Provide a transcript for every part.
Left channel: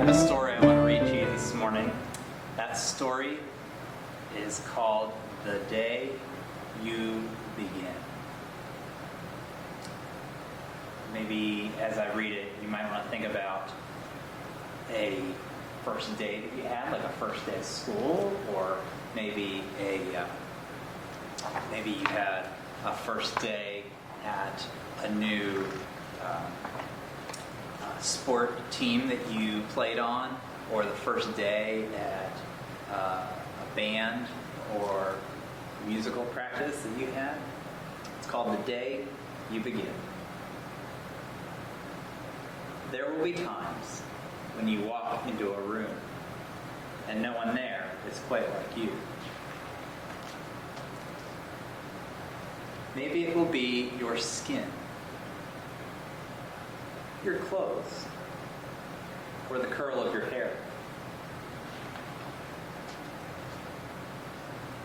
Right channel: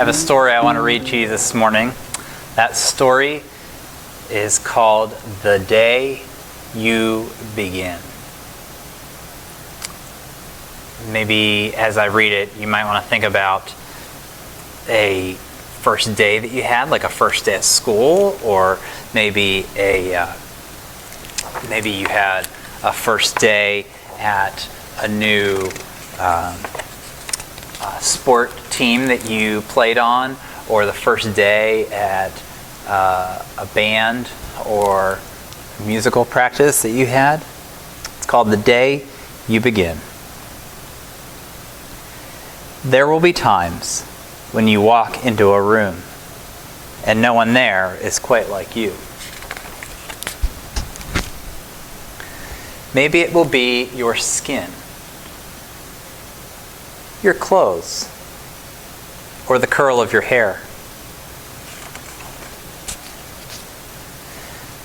have a story I want to read to you this morning. That story is called The Day You Begin. Maybe as I read it, you might want to think about a first day that you had, like a first day at school, or maybe maybe you had a first day at a new sport team that you played on, or the first day at a band or musical practice that you had. It's called The Day You Begin. There will be times when you walk into a room and no one there is quite like you. Maybe it will be your skin, your clothes, or the curl of your hair.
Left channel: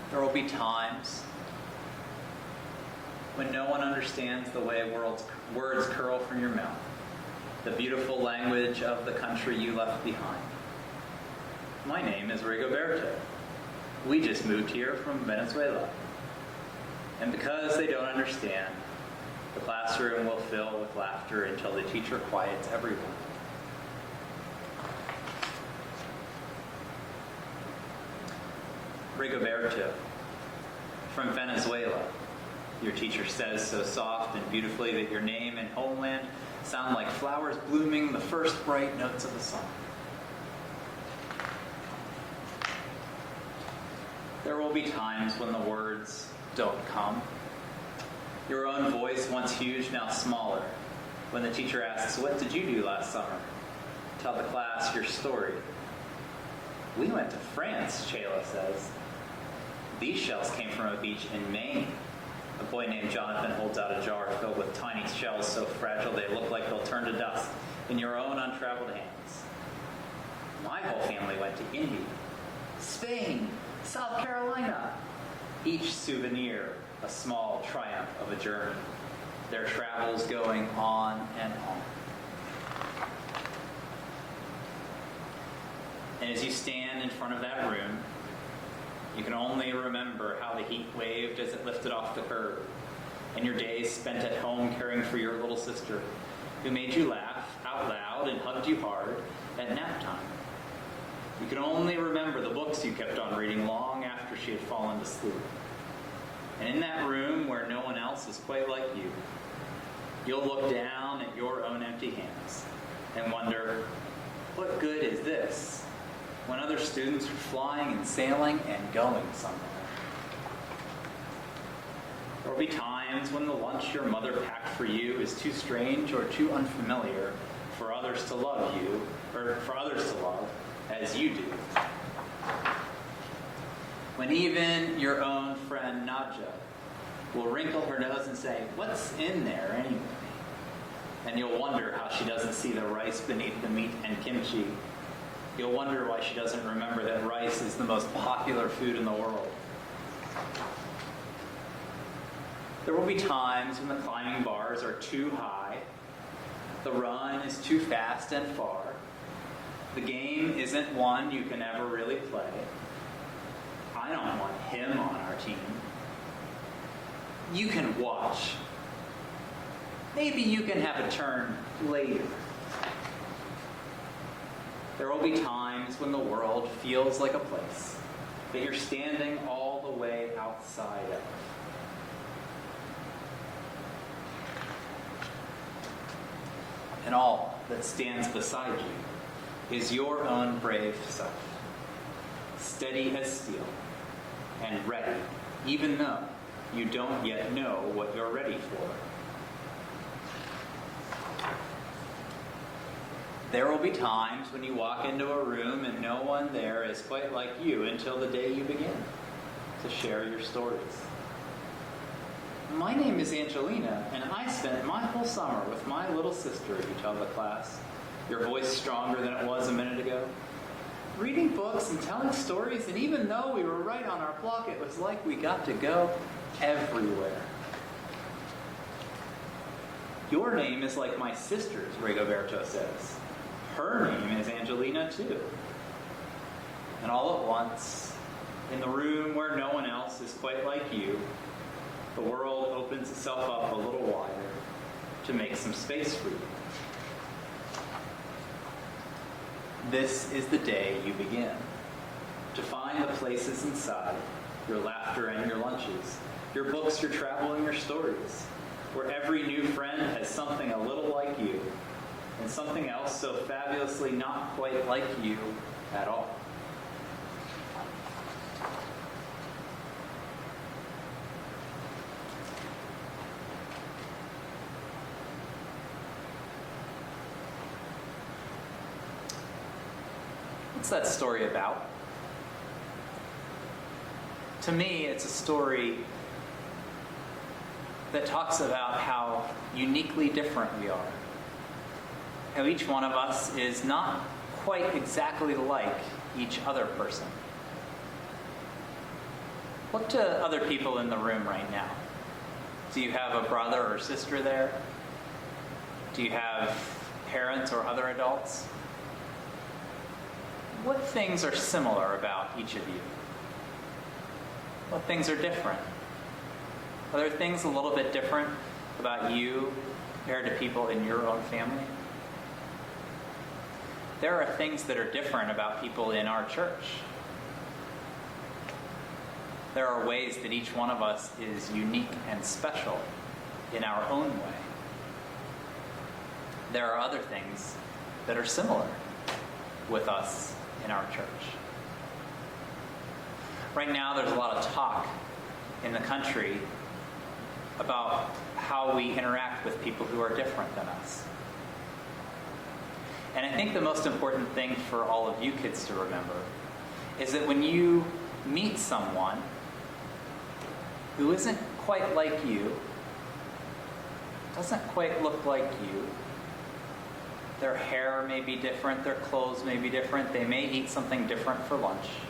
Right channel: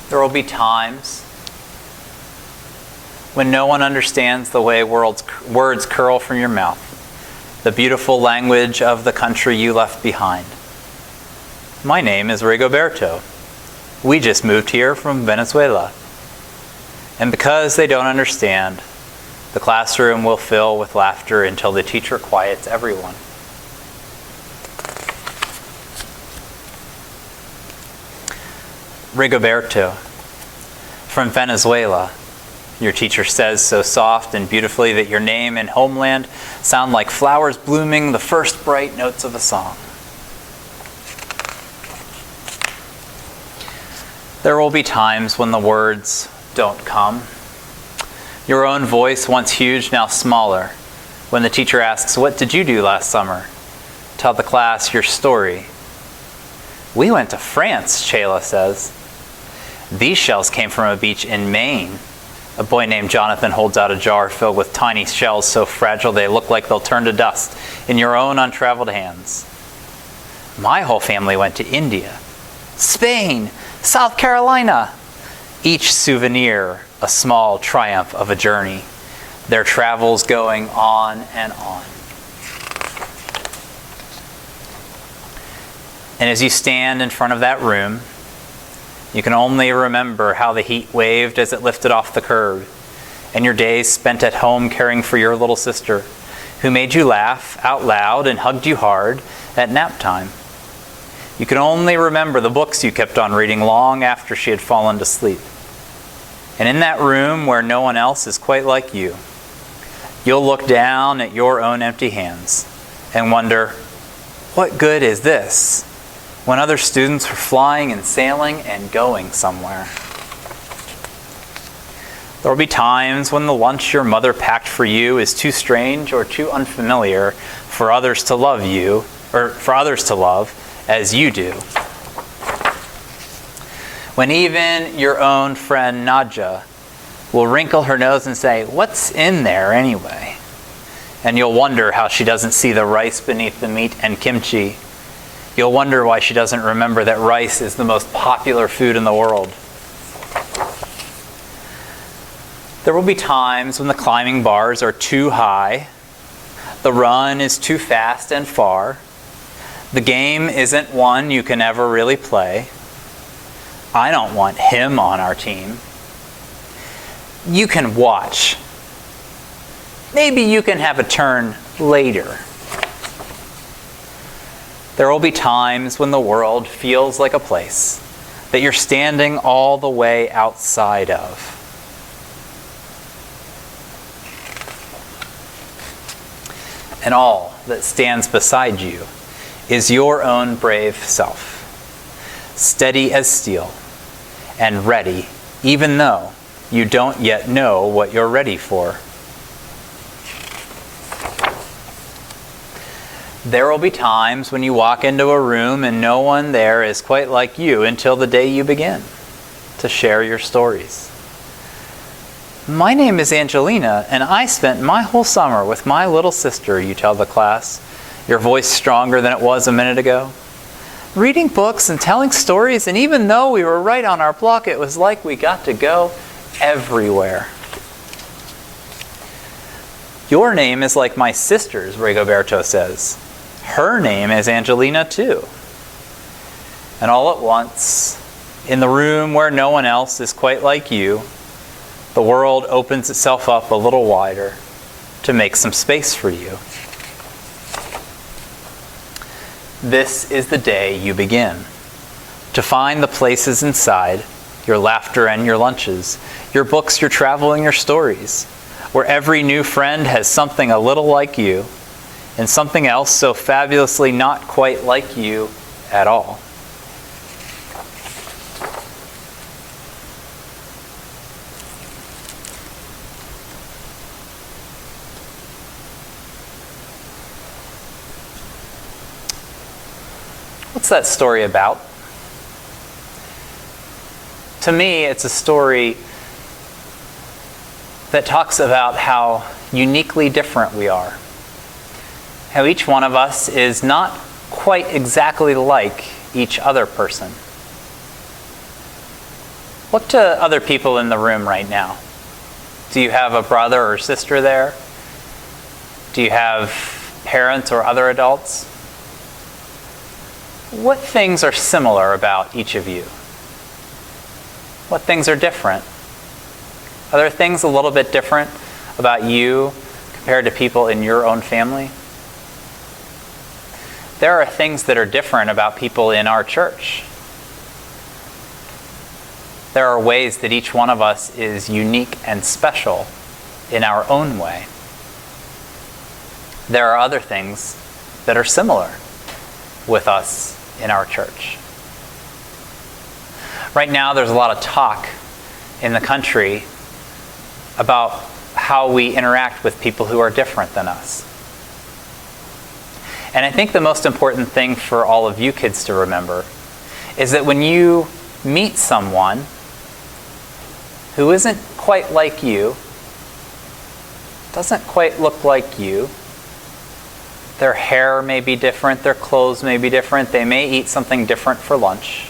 There will be times when no one understands the way words curl from your mouth, the beautiful language of the country you left behind. My name is Rigoberto. We just moved here from Venezuela. And because they don't understand, the classroom will fill with laughter until the teacher quiets everyone. Rigoberto, from Venezuela, your teacher says so soft and beautifully that your name and homeland sound like flowers blooming, the first bright notes of a song. There will be times when the words don't come. Your own voice, once huge, now smaller. When the teacher asks, "What did you do last summer?" Tell the class your story. "We went to France," Chayla says. "These shells came from a beach in Maine." A boy named Jonathan holds out a jar filled with tiny shells so fragile they look like they'll turn to dust in your own untraveled hands. "My whole family went to India, Spain, South Carolina." Each souvenir a small triumph of a journey, their travels going on and on. And as you stand in front of that room, you can only remember how the heat waved as it lifted off the curb, and your days spent at home caring for your little sister, who made you laugh out loud and hugged you hard at nap time. You can only remember the books you kept on reading long after she had fallen to sleep. And in that room where no one else is quite like you, you'll look down at your own empty hands and wonder, what good is this when other students are flying and sailing and going somewhere? There will be times when the lunch your mother packed for you is too strange or too unfamiliar for others to love you, or for others to love as you do. When even your own friend Nadja will wrinkle her nose and say, "What's in there anyway?" And you'll wonder how she doesn't see the rice beneath the meat and kimchi. You'll wonder why she doesn't remember that rice is the most popular food in the world. There will be times when the climbing bars are too high, the run is too fast and far, the game isn't one you can ever really play. I don't want him on our team. You can watch. Maybe you can have a turn later. There will be times when the world feels like a place that you're standing all the way outside of. And all that stands beside you is your own brave self, steady as steel and ready, even though you don't yet know what you're ready for. There will be times when you walk into a room and no one there is quite like you until the day you begin to share your stories. "My name is Angelina, and I spent my whole summer with my little sister," you tell the class, your voice stronger than it was a minute ago. "Reading books and telling stories, and even though we were right on our block, it was like we got to go everywhere." "Your name is like my sister's," Rigoberto says. Her name is Angelina too. And all at once, in the room where no one else is quite like you, the world opens itself up a little wider to make some space for you. This is the day you begin to find the places inside your laughter and your lunches, your books, your travel, and your stories, where every new friend has something a little like you and something else so fabulously not quite like you at all. What's that story about? To me, it's a story that talks about how uniquely different we are. How each one of us is not quite exactly like each other person. Look to other people in the room right now. Do you have a brother or sister there? Do you have parents or other adults? What things are similar about each of you? What things are different? Are there things a little bit different about you compared to people in your own family? There are things that are different about people in our church. There are ways that each one of us is unique and special in our own way. There are other things that are similar with us in our church. Right now, there's a lot of talk in the country about how we interact with people who are different than us. And I think the most important thing for all of you kids to remember is that when you meet someone who isn't quite like you, doesn't quite look like you, their hair may be different, their clothes may be different, they may eat something different for lunch.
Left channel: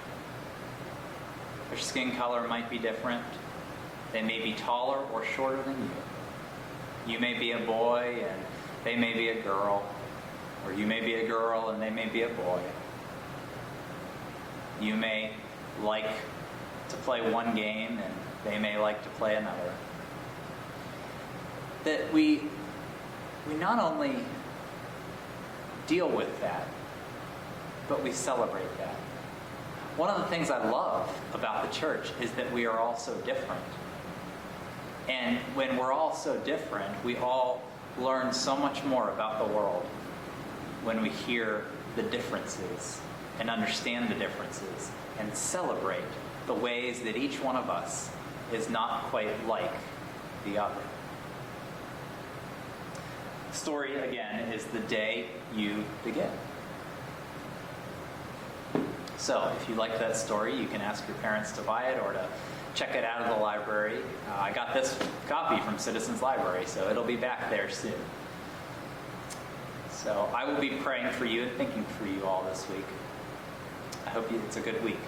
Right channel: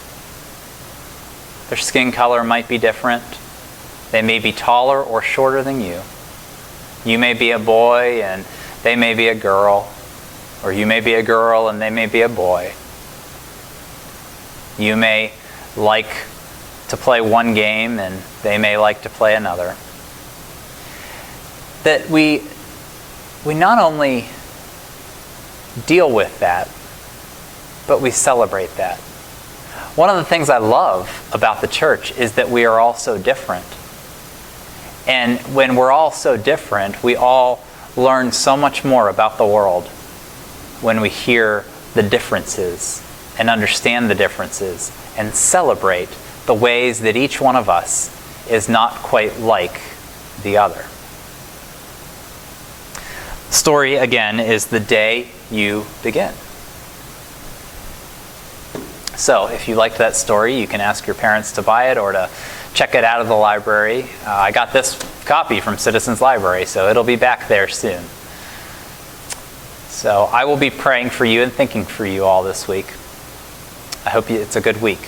Their skin color might be different. They may be taller or shorter than you. You may be a boy and they may be a girl. Or you may be a girl and they may be a boy. You may like to play one game and they may like to play another. That we not only deal with that, but we celebrate that. One of the things I love about the church is that we are all so different. And when we're all so different, we all learn so much more about the world when we hear the differences and understand the differences and celebrate the ways that each one of us is not quite like the other. Story, again, is the day you begin. So if you liked that story, you can ask your parents to buy it or to check it out of the library. I got this copy from Citizens Library, so it'll be back there soon. So I will be praying for you and thinking for you all this week. I hope it's a good week.